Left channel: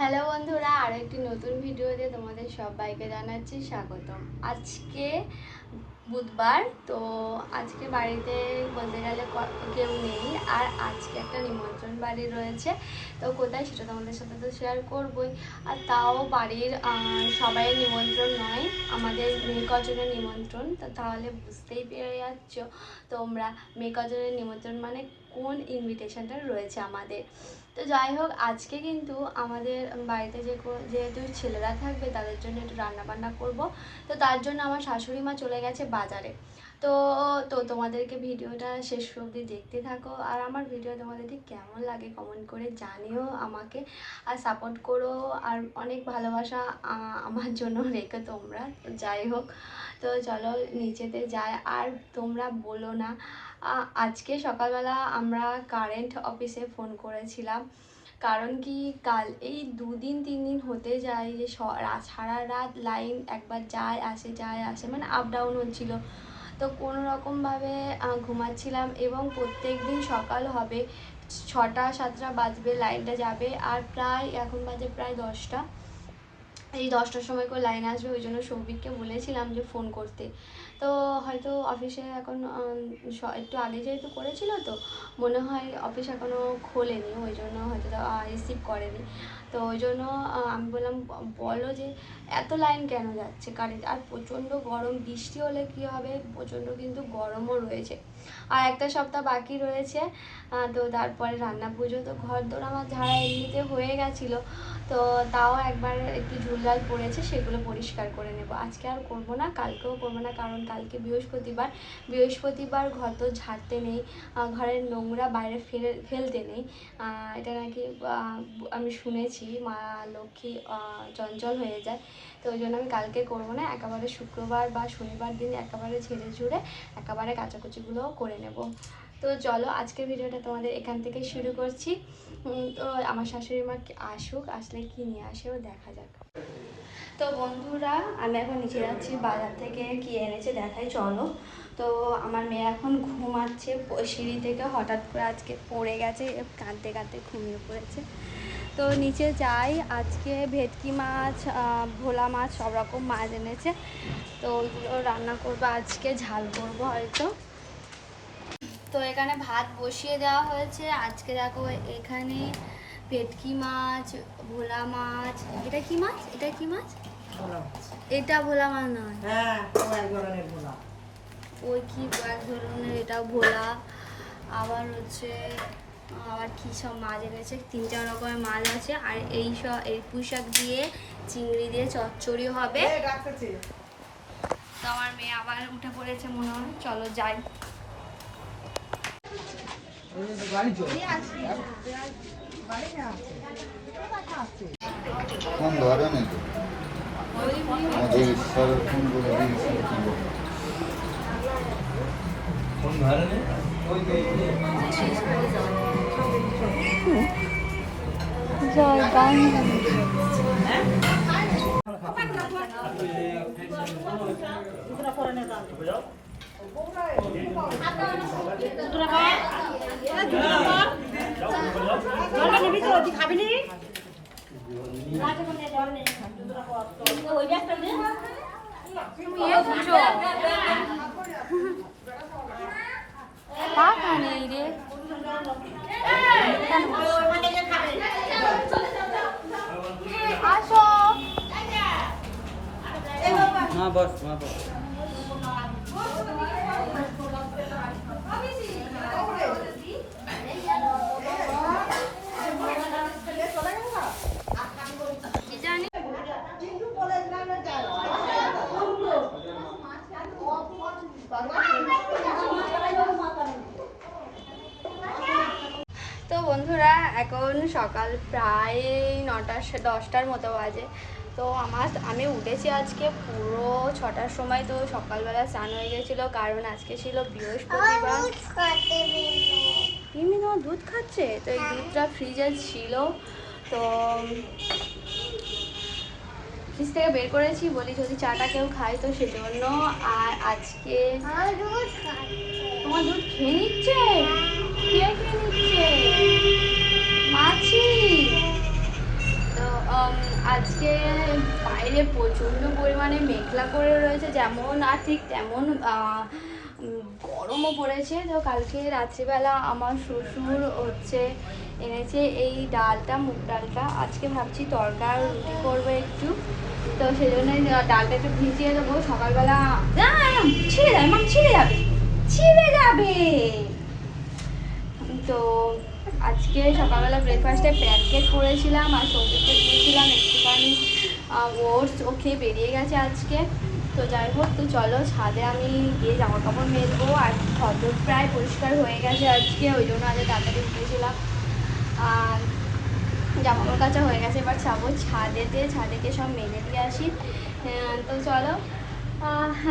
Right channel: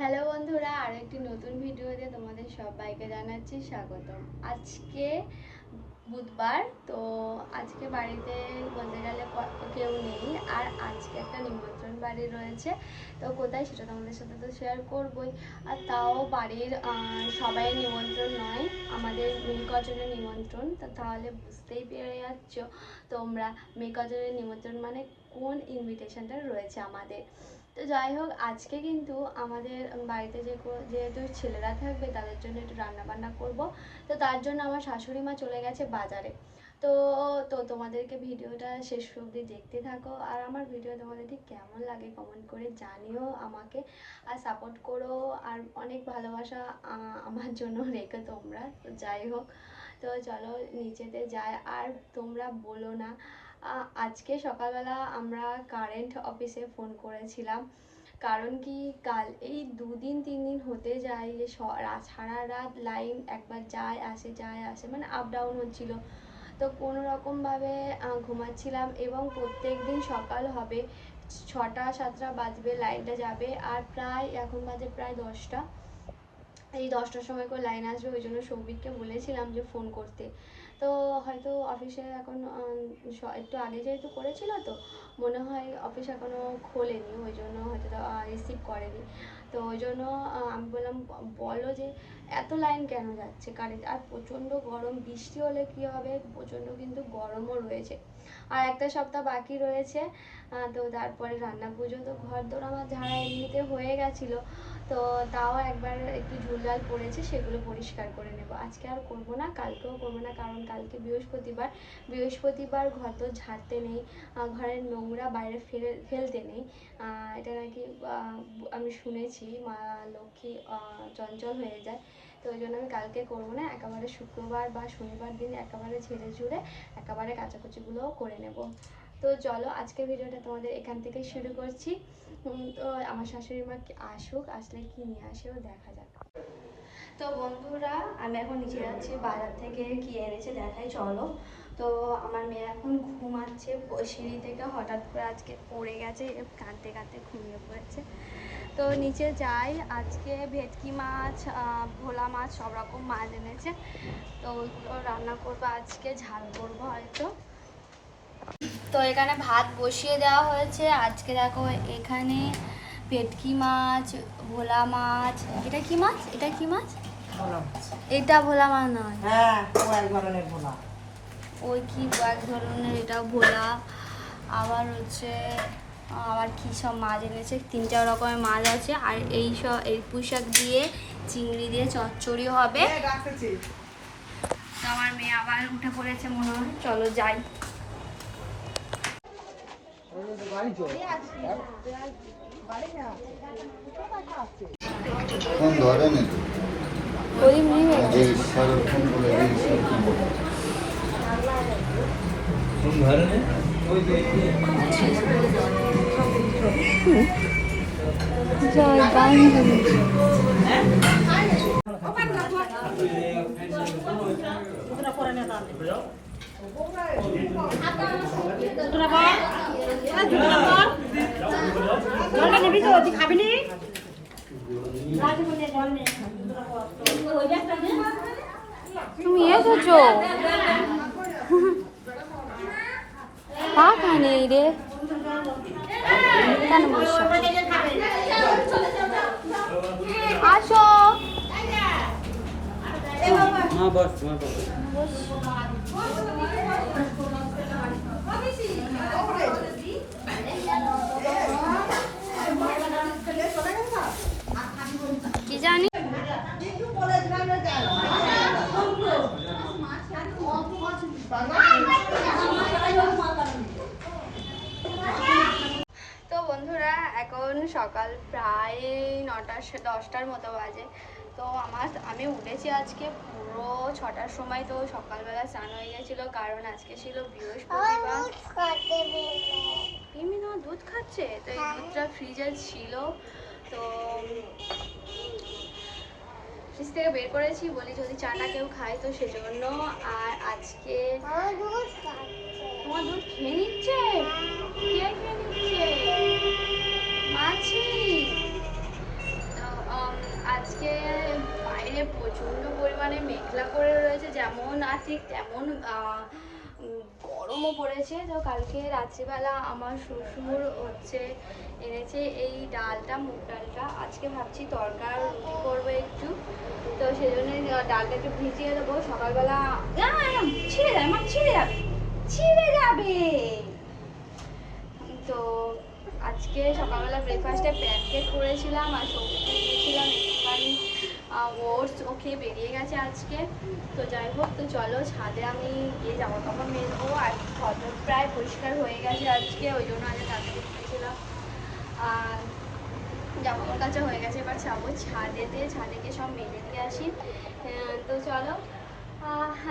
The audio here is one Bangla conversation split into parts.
হ্যালো বন্ধুরা আরও একটি নতুন ভিডিও ভিডিওতে তোমাদের সবাইকে জানাচ্ছি স্বাগতম। আজকে বুধবার, তো আজকে বাড়িতে বলতে গেলে কেউ নেই, আর আজকে একটা নিমন্ত্রণ বাড়ি রয়েছে। তো কোথায় সেটা তোমাদের সাথে তো শেয়ার করবই। আর তাও বাড়ির সবাই নিমন্ত্রণ নয়, আমাদের মেয়ে কজনের নিমন্ত্রণ। তো তাহলে বুঝতেই পেরে যাচ্ছ তোমরা, মেয়ে কজনের নিমন্ত্রণ মানে কোন ইনভিটেশনটা রয়েছে আমাদের। তো যাই হোক, আজকে কিন্তু আমাদের বাড়িতে যে যেহেতু ছেলেরা থাকবে তাদের জন্য একটু রান্না বান্না করব। তো তার জন্য আমার শাশুড়ি মা চলে গেছে বাজারে। তো তো তোমাদেরকে ভিডিওটা শেষ অবধি দেখতে থাকো। আর আমার ভিডিও তোমাদের ঠিক কেমন লাগে কমেন্ট করে জানিও আমাকে। আর সাপোর্ট করো, আর অনেক ভালোবাসা আমার জন্য রেখো তোমরা। যাই হোক, তো চলো নিচেতে যাই। আর তোমরা বলো না আজকে সকালবেলা আমরা কারেন্ট অফিসে ফোন করেছিলাম। কারণ কি, কাল এই দুদিন, তিন দিন হতে যায় যে সারা রাত লাইন একবার যায়, আসে যায়, আসে মানে আপ ডাউন হচ্ছিল। তো কোনো রকমভাবে ঘুমাচ্ছিলাম এবং প্রত্যেক দিন সকাল হবে, ছটা, সাতটা বাজবে লাইনটা যাবে। আর প্রায়, এখন বাজে প্রায় দশটা। এই দশটার সময় করে লাইন আসবে, ওই জন্য সৌভিককে বলেছিলাম যে ফোন করতে। তো হয়তো অফিসে এখন একটু আগে যেহেতু করেছিল তো, মনে হয় অফিস এখনও খোলেনি, ওই জন্য হয়তো রিসিভ করেনি। তো ওই জন্য আমি বললাম, বলো যে এত লাইন কেন যাচ্ছে? কারেন্ট আর প্রচণ্ড গরম, বৃষ্টি হলে কী হবে? প্রচণ্ড কিন্তু গরমও রয়েছে। আর একটা সপ্তাহ বাকি রয়েছে তো তারপরে রান্না পুজো, তো ঘর দোর আমার ঝাড়া এমনিতে হয়ে গেছিল। তো তাও একবার একটু ঝুলঝাল পড়েছে, সেগুলো পরিষ্কার করে নেব। আজকে আর করব না, কালকেও করব না, কারণ কালকে বৃহস্পতিবার। বৃহস্পতিবার ঘর তো ঝাড়তে নেই ঘরের নোংরা বাইরে ফেলে, ফেলতে নেই। এটা নাকি আমি শুনেছি। মা লক্ষ্মী চঞ্চল হয়ে যায়। তো ওই জন্য আমি কালকে করব না, একেবারে শুক্রবার বা শনিবার দিন একেবারে ঝেড়ে ঝুড়ে একেবারে কাচাকুচিগুলোও করে নেব। তো চলো, আজকের ভিডিওটা তোমাদের এখান থেকে শুরু করছি। তো আমার শাশুড়ি মা আসুক, আসলে কি নিয়ে আসেও দেখা যাক। তো বন্ধুরা, আমি এখন নিচে যাচ্ছি, বাজার থেকে কি এনেছে দেখাই, চলো। তো আমার মেয়ে এখন ঘুমাচ্ছে, সিঁড়ি থেকে হঠাৎ করে আজকে পড়ে গেছে, কাঁদতে কাঁদতে ঘুমিয়ে পড়েছে। তো নিচে যাই। আজকে ভেটকি মাছ ভোলা মাছ সব রকম মাছ এনেছে। তো ওইগুলো রান্না করব। আজকে ঝাল করব হয়তো। তো এখানে ভাত বসিয়ে দেওয়া হয়েছে। আজকে দেখো এখানে ভেটকি মাছ ভোলা মাছ। এটা কি মাছ? এটা কি মাছ? এটা ভোলা মাছ নয়। হ্যাঁ ধরনের ভোলা। ওই কি এক ধরনের? এটা ভোলা। আবার হচ্ছে আবার কি সব মাছ এনেছে? তিন চার রকমের মাছ আছে আর এই সব এই পুঁইশাক দিয়ে চিংড়ি দিয়ে চচ্চড়িও হবে। তো আমার মেয়ে আবার উঠে পড়েছে মনে হয়। চলো যাই। কোন ধরনের গরিব নিয়ে কোন ধরনের জয় গান তুমি এসেছ টাকা নেই রে কেন বসছো আসো। কি জানি বন্ধুরা এখন সকাল প্রায় নটা দশটার মতো বাজে। তো আমার আমি উঠেছি আজকে পুরো ছটার সময় তো সকালবেলা স্নান হয়ে গেছিল। কারণ আজকে ছিল বৃহস্পতিবার। পিমি তোমার দুধ খাচ্ছে? তো এই দুধটা ফ্রিজে ছিল। তো ফ্রিজ থেকে বের করেছি। বলি যদি চাটা কেউ খায় তো সেজন্য। আর আজকে তোমার দুধ খেয়ে নিচ্ছে? কে খেয়ে নিচ্ছে? মাছি। তো আজকে বাইরে প্রচণ্ড পরিমাণে মেঘলা করে রয়েছে, যেমন আর ঠিক তেমন গরমও পড়েছে। তো কালকে রাত্রিবেলা আমার শ্বশুর হচ্ছে, এনেছে এই ডালটা, মুগ ডালটা। আজকে ভাবছি তরকার রুটি করব একটু। তো সেই জন্য ডালটা একটু ভিজিয়ে দেবো। সকালবেলা ছিঁড়ে যাবে ছিঁড়ে যাবে ছিঁড়ে যাবে। তো আজকে সকালবেলা ব্রেকফাস্টে প্যানকেক করেছিলাম আর সঙ্গীকে দিয়েছিলাম একটুখানি ওটস ও খেয়ে বেরিয়ে গেছে আজকে। তো যাই হোক, তো চলো ছাদে আমি গিয়ে জামা কাপড় মেলবো আর ফটো প্রায় পরিষ্কার হয়ে গেছে আজকে, ওই জন্য আজকে তাড়াতাড়ি উঠেছিলাম। আর জামা কাপড় কাচা হয়ে গেছে, এবার যাব ছাদেতে, ছাদেকে সব মেলে দিয়ে আসি। তো চলো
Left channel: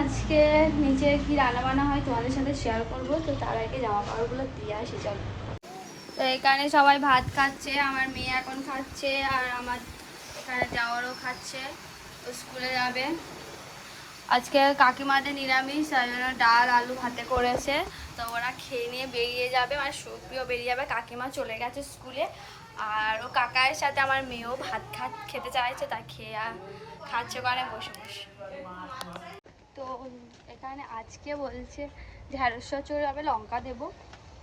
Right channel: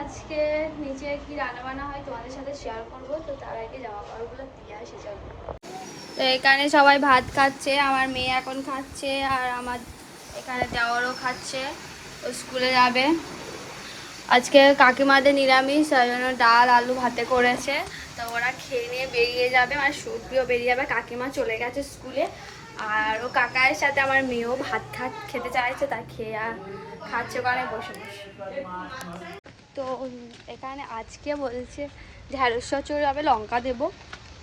আজকে নিচে কি রান্না বান্না হয় তোমাদের সাথে শেয়ার করব। তো তার আগে জামা কাপড়গুলো দিয়ে আসি, চলো। তো এখানে সবাই ভাত খাচ্ছে, আমার মেয়ে এখন খাচ্ছে আর আমার এখানে যাওয়ারও খাচ্ছে, ও স্কুলে যাবে। আজকে কাকিমাদের নিরামিষ, তাই জন্য ডাল, আলু ভাতে করেছে। তো ওরা খেয়ে নিয়ে বেরিয়ে যাবে আমার সুপ্রিয় বেরিয়ে যাবে। কাকিমা চলে গেছে স্কুলে আর ও কাকার সাথে আমার মেয়েও ভাত খা খেতে চাইছে, তাই খেয়ে আর খাচ্ছে ওখানে বসে বসে। তো এখানে আজকে বলছে ঢ্যাঁড়স চড়ে হবে লঙ্কা দেবো।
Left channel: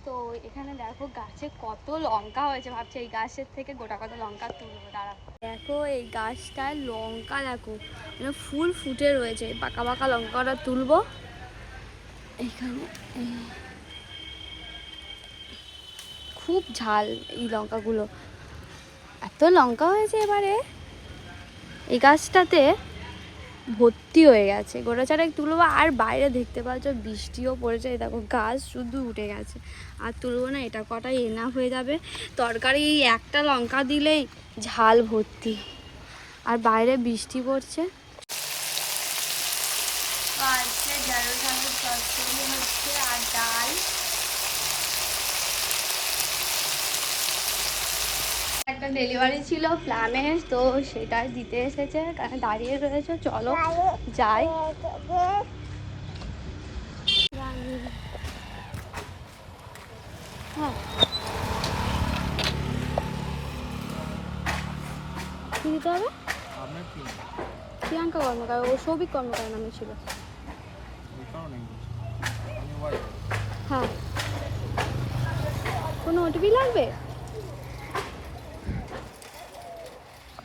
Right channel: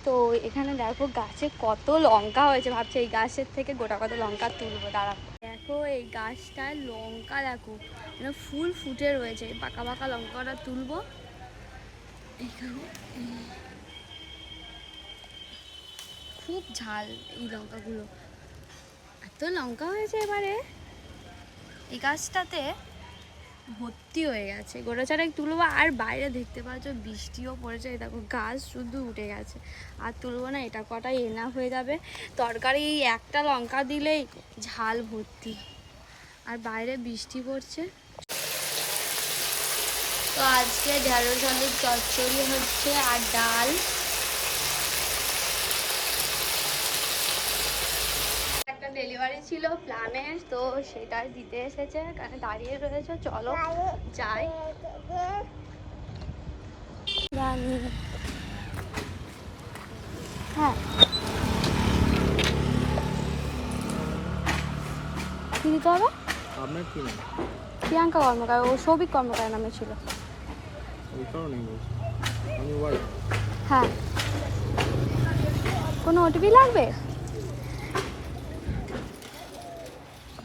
তো এখানে দেখো গাছে কত লঙ্কা হয়েছে, ভাবছি এই গাছের থেকে গোটা কত লঙ্কা তুলবো দাঁড়া দেখো এই গাছটায় লঙ্কা, দেখো এটা ফুল ফুটে রয়েছে পাকা পাকা লঙ্কাটা তুলবো। এখানে খুব ঝাল এই লঙ্কাগুলো। এত লঙ্কা হয়েছে এবারে। এই গাছটাতে ভর্তি হয়ে গেছে। গোটা চারেক তুলবো আর বাইরে দেখতে পাচ্ছ, বৃষ্টিও পড়েছে। দেখো, গাছ শুধু উঠে গেছে। আর তুলবো না, এটা কটাই এনা হয়ে যাবে। তরকারি এই একটা লঙ্কা দিলেই ঝাল ভর্তি। আর বাইরে বৃষ্টি পড়ছে। তো আজকে ঢেঁড়স আলুর চচ্চড়ি হচ্ছে আর ডাল একটা ডেলিভারি ছিল প্লামের তো সেটাই দিতে এসেছে কারণ দাঁড়িয়ে রয়েছে চলো যাই। হ্যাঁ কি দিতে হবে আপনার কি নাম? প্রিয়াঙ্কা কর্মকার ও সৌভিক কর্মকার নামে ছিল। ওই কারণেই বলছি। আমি ওয়াইফ হ্যাঁ। কোনো ওটিপি লাগবে প্রিয়াঙ্কা কর্মকর তাই তো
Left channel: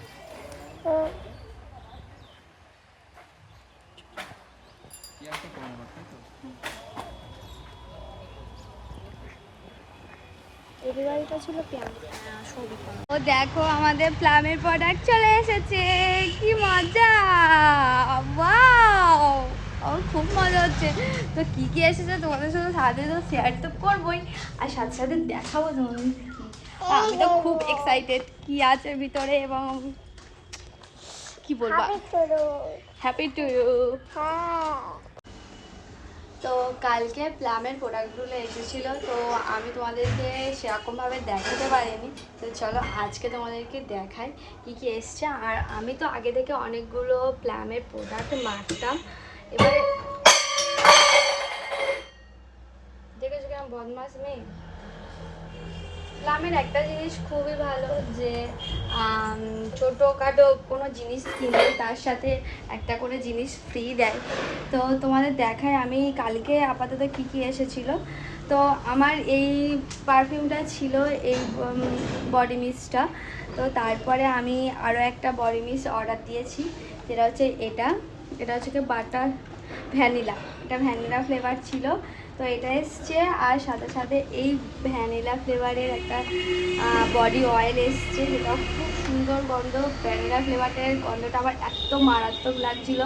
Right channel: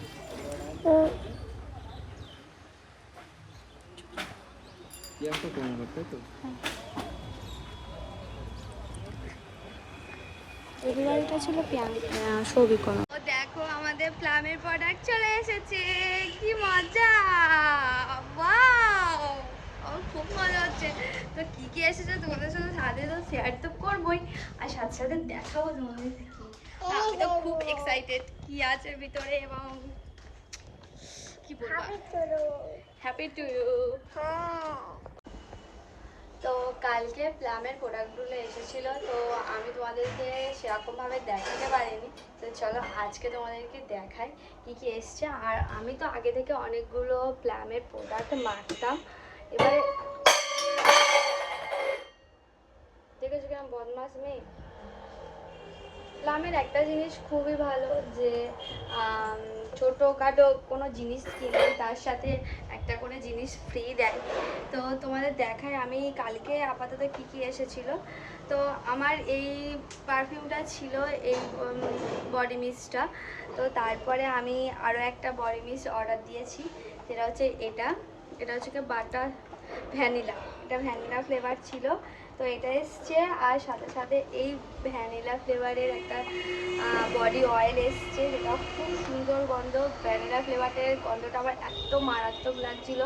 ডেলিভারিটা ছিল সৌভিক ও দেখো আমাদের প্লামের প্রোডাক্ট চলে এসেছে। কি মজা! আমার খুব মজা হচ্ছে। তো কি কি এসেছে তোমাদের সাথে সাথে তো শেয়ার তো করবোই। আর সাথে সাথে দেখাবো তোমাদের আমি তো খুব এক্সাইটেড কি আছে ভিতরে এবং কি বলব হ্যাপি টু ইউ তো কালকে প্লামের প্রোডাক্টগুলো এসেছিল তো আমি তোমাদেরকে সেরকমভাবে দেখাতে পারিনি। তো চলো আজকে তোমাদেরকে দেখাই কি কি এসছে। আর আমি তো আগে থেকে অনেকগুলো প্লামের প্রোডাক্ট মারতাম। এবারে দেখেছ কেমন বদমাস মেয়ে? প্লামের একটা জিনিস খুবই ভালো যে ছোটোখাটো কোনো জিনিস কিনে তার সাথে একটা করে জিনিস ফ্রি দেয়। তো তোমাদের দেখায় আমি কালকে আপাতত কি কি এসেছিল। তো আমার এই পারফিউমটা ছিল এই বডি মিস্টটা তো তারপরে আমি আরও একটা বডি মিস্ট অর্ডার দিয়েছি। যেটা হচ্ছে এটা। এটা হচ্ছে কি বাটার ভ্যানিলা। এটা ভ্যানিলা ফ্লেভার ছিল। তো এটা এসছে আর সাথে সাথে এই ভ্যানিলা ফ্লেভারের একটা বডি অয়েল এসছে। যেটা খুব সুন্দর গন্ধ। ভ্যানিলা ফ্লেভারের গন্ধটা আবার এত মারাত্মক লাগছিল।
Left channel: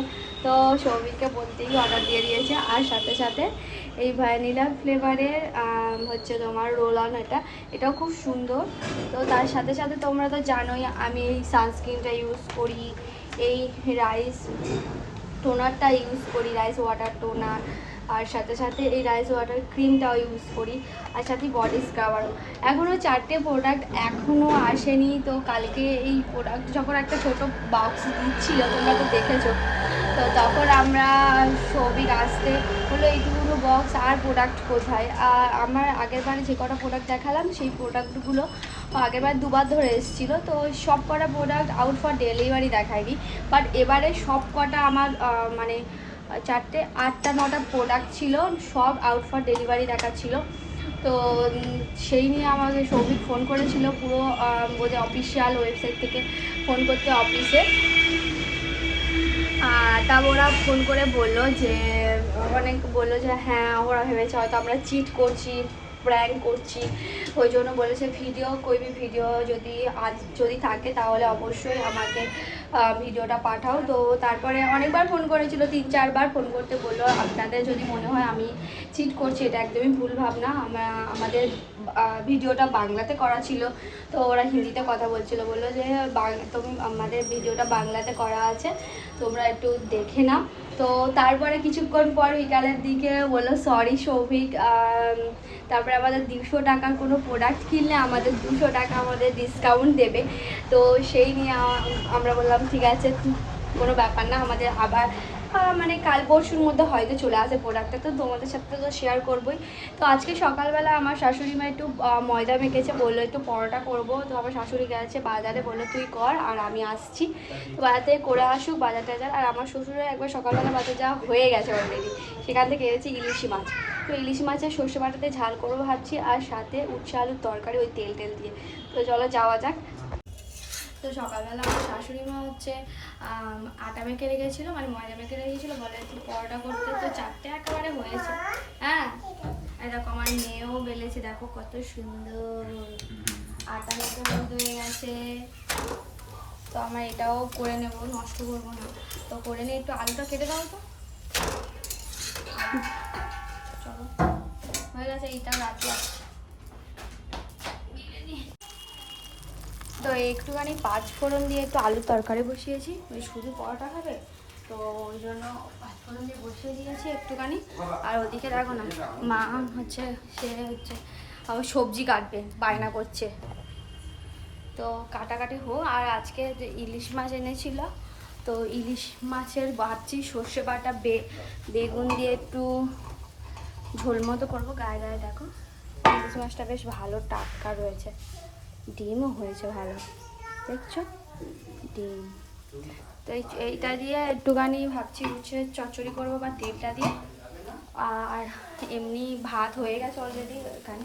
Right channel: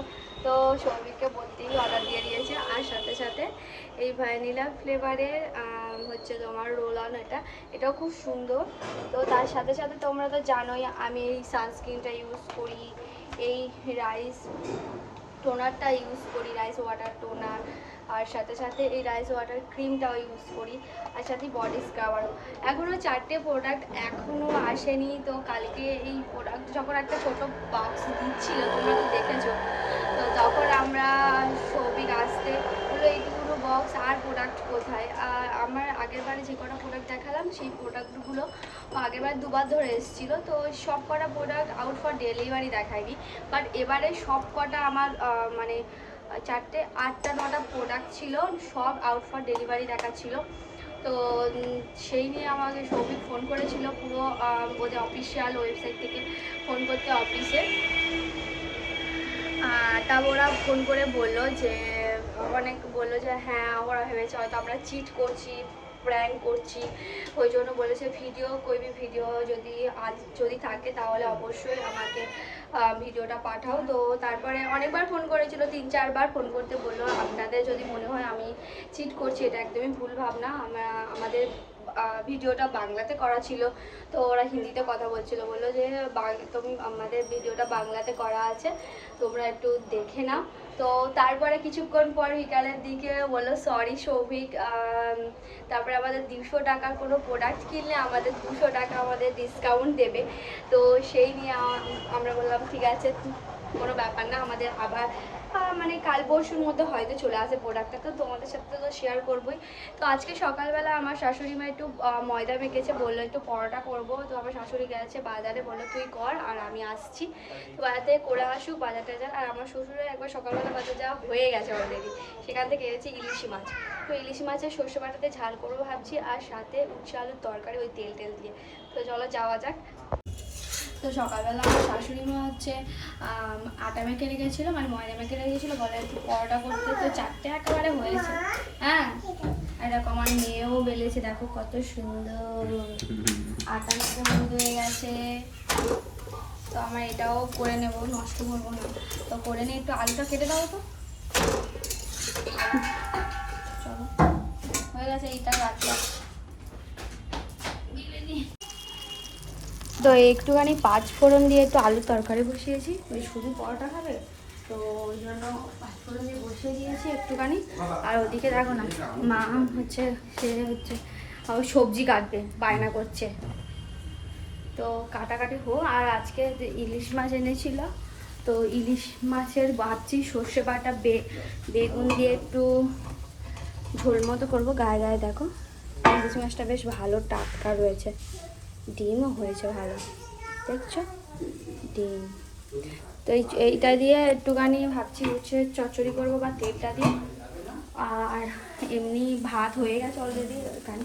তো সৌমিককে বলতেই অর্ডার দিয়ে দিয়েছে। আর সাথে সাথে এই ভ্যানিলা ফ্লেভারের হচ্ছে তোমার রোল অন এটা। এটাও খুব সুন্দর। তো তার সাথে সাথে তোমরা তো জানোই আমি এই সানস্ক্রিনটা ইউজ করি। এই রাইস টোনারটা ইউজ করি রাইস ওয়াটার টোনার আর সাথে সাথে এই রাইস ওয়াটার ক্রিমটাও ইউজ করি, আর সাথে বডি স্ক্রাবারও এখনও চারটে প্রোডাক্ট এখনও আসেনি, তো কালকে এই প্রোডাক্ট যখন একটা ছোটো বক্স দিচ্ছিল, তোমরা তো দেখেছ, তো তখন আমরা সৌভিক আসতে হলো এইটুকুনো বক্স আর প্রোডাক্ট কোথায়? আর আমার আগের বারে যে কটা প্রোডাক্ট দেখালাম, সেই প্রোডাক্টগুলো আগের বার দুবার ধরে এসেছিল, তো সব কটা প্রোডাক্ট আউট ফর ডেলিভারি দেখায়নি বাট এবারে সব কটা আমার মানে চারটে, আটটা, নটা প্রোডাক্ট ছিল, সব আউট ফর ডেলিভারি দেখাচ্ছিল। তো সেই নিয়ে আমাকে সৌভিক ফোন করেছিল, পুরো বোধহয় অফিসিয়াল ওয়েবসাইট থেকে ফোন করতে অফিসে তা ওরা ফোন করে বলল যে, অনেক বলল যে হ্যাঁ ওরা ভেবেছে হয়তো আমরা চিট করছি। প্র্যাঙ্ক করছি। ওই জন্য বলেছে ভিডিও কইবি ভিডিও যদি আজ যদি থাকে তাহলে অবশ্যই আমাকে ভিডিওটা পাঠাও। তো তারপরে অনেকবার ফোন করেছিল, তিন চারবার ফোন করতে বলল, আপনাদের যদি মনে হয় আমি চিট করছি, এটা একদমই ভুল ভাবনা। আমরা আমাদের ভিডিওটা বাংলাতে করা ছিল, তো ওরা হিন্দিতে কথা বলছিল। বলল যে তুমি, আমাদের ভিডিওটা বাংলাতে করা আছে, তোমরা একটু দেখে নাও। তো তারপরে কিছুক্ষণ পর বিকালের দিকে বলল সরি সৌভিক তারপরে আমাদের দুশো টাকার কোনো প্রোডাক্ট কিনলে আমাদের দুশো টাকা আমাদের ডিসকাউন্ট দেবে। তো সেই নিয়ে আমরা বললাম, ঠিক আছে, কোনো ব্যাপার না, আমাদের আবার মানে কাল পরশুর মধ্যে হয়তো চলে আসে প্রোডাক্টটা তো তোমাদের সাথে তো শেয়ার করবোই। তো আজকে সকালবেলা আমার শাশুড়ি মা একটু ময়দা মেখেছে, বলল একটু পরোটা করব। তো আমার শাশুড়ি গেছে বাজারে, বলল, তুই কর, আর আমি আসছি। তো বাজার থেকে করে আসুক বাজার টাজার আর আমার শ্বশুরের একবার সকালবেলা বাজার যাওয়া হয়ে গেছে অলরেডি সেখান থেকে এনেছি ইলিশি মাছ। তো ইলিশ মাছের সর্ষে বাটাতে ঝাল করব ভাবছি, আর সাথে উচ্ছে আলুর তরকারি, ওই তেল টেল দিয়ে। তো চলো যাওয়া যাক। তো সকালবেলা আমার শাশুড়ি মা হচ্ছে আটা মেখে রেখেছিলো মানে ময়দা মেখে রেখেছিলো, বলে একটু পরোটা করতে। তো চারটে একেবারে হয়েছে। হ্যাঁ? আর দেখো আমার মেয়েও বেলেছে, দেখো কত সুন্দর। আটা মেখে হয়ে গেছে। তো আমার এটাও করে নেব, নষ্ট করব না। তো করে নিয়ে একটু আলুটা কেটে দাও তো। চলো। হয়ে গেছে, এইটা রাখলাম। তো একটুখানি পাঁচ ফোড়ন দিয়ে একটু আলুর তরকারি বসিয়েছি। ওই শুধু পরোটা খাবে? তো ওই জন্য পাঁচ ফোড়ন দিয়ে বসিয়ে দিয়েছি একটুখানি। আর ওদিকে দেখো না, মা হচ্ছে, সে হচ্ছে, আবার সবজি কাটবে, বায়না করছে। তো কাটাকাটি হোক, আর আজকে ইলিশ মাছ এনেছিল, তো ইলিশ মাছের ভাবছি সর্ষে বাটা, বে, বেগুন দিয়ে একটু ঝোল মতো করব। গায়ে গায়ে দেখো, ইলিশ মাছটা বেশ ভালো টাটকা রয়েছে। ডিমও হয়েছে ভালো। দেখছ? ডিম। তো এই এইটা দিয়ে একটুখানি ভাবছি হচ্ছে চচ্চড়ি করব বা তেলটা দিয়ে। আর এমনি ভাত হয়ে গেছে অলরেডি এখানে